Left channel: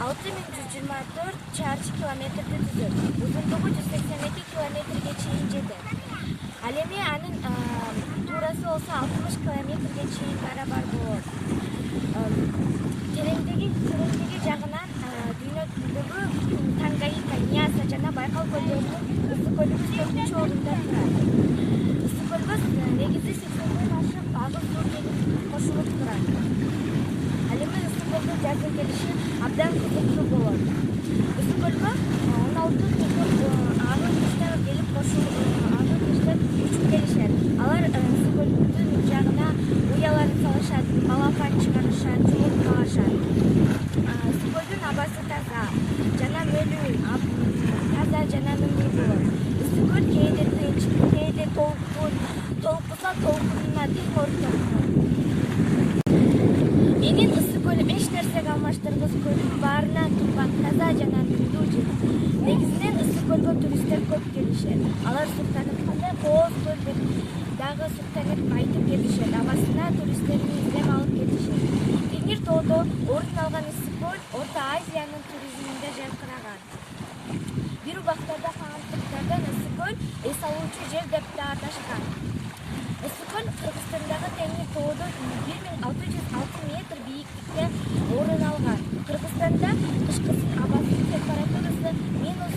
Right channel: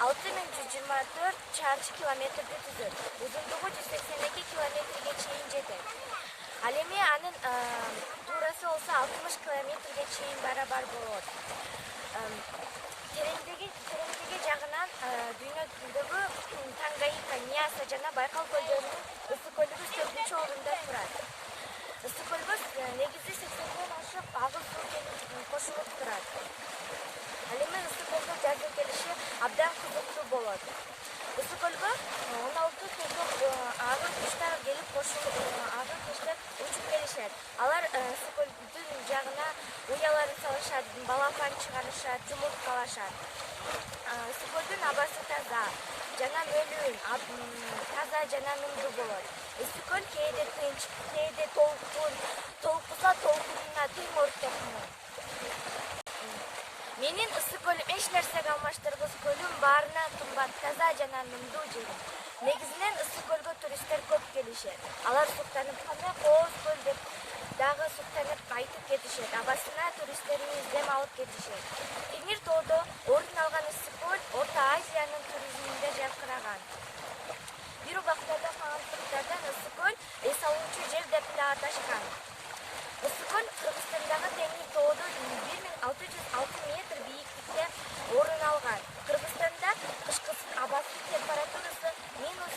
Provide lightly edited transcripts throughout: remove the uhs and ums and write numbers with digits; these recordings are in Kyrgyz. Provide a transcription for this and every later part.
6124 чарчы километрди түзөт. Узундугу 182 километрге чейин жетет. Ал эми анын туурасы болсо 60 километрге чейин барабар болот. Тереңдиги жагынан дүйнөдөгү Тангаика, Ньяса жана Байкал көлдөрүнүн ысык көлүгү 4-чү орунда турат. Ысык көлгө негизи 80ден ашык агыл суу келип кошулуп турат. Ал эми ысык көлдүн жазгы келиши абдан кызыктуу болот. Ысык көлгө 16 түрлүү агыл куштар келип кошулуп, учуп келишет. Алар ысык көлдүн жагына уяларын салышат, балапан чыгарышат, жумурткалашат. Ысык көлдүн абасы таза жана мөлүү, таза жана мөңгү болот. Ысык көл кээде тынч, кээде толкуса толкунуна дил ортот. Менин ысык көлүм эч нерсеге алмаштыргыс көлүм баарынан кымбат, таза жана мөңгү жер. Негизинен ысык көлгө туристтер көп келишет. Алар суктанып, Кооз көл деп дагы суктанып айтып кетишет. Абасына туристтерин издеп алып кетишет. Темир тоодо орун алган ысык көл Орто Азиянын туризминде жаркыраган. Бир убактарда кагандыктардан ысык көл эс алуучу жер деп да аташкан. Ысык көл Кыргызстандагы Темир тоодо 1606 метр бийиктикте орун алган. Кыргызстанда кышкысын абасы температурасы минус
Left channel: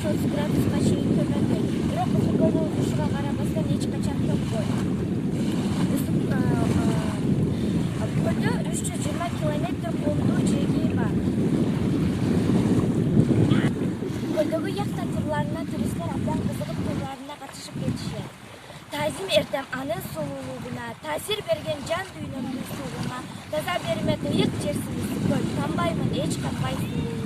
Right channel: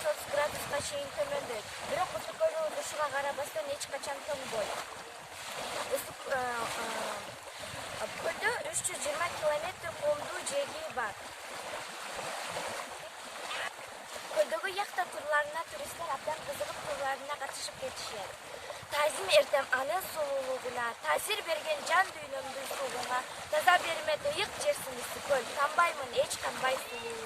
30 градуска чейин төмөндөйт. Бирок ысык көлдүн ушуга карабастан эч качан топпойт. Көлдө 320 километр коомдуу жеги бар. Көлдөгү яхта турларына туристтер абдан кызыгып турларына катышып кетишет. Тазим эртем анын сулуулугуна, таасир берген жан дүйнөмдүн суугуна, таза бермет ыйык жерсиң ысык көл, танбаймын эч кандай сулуу.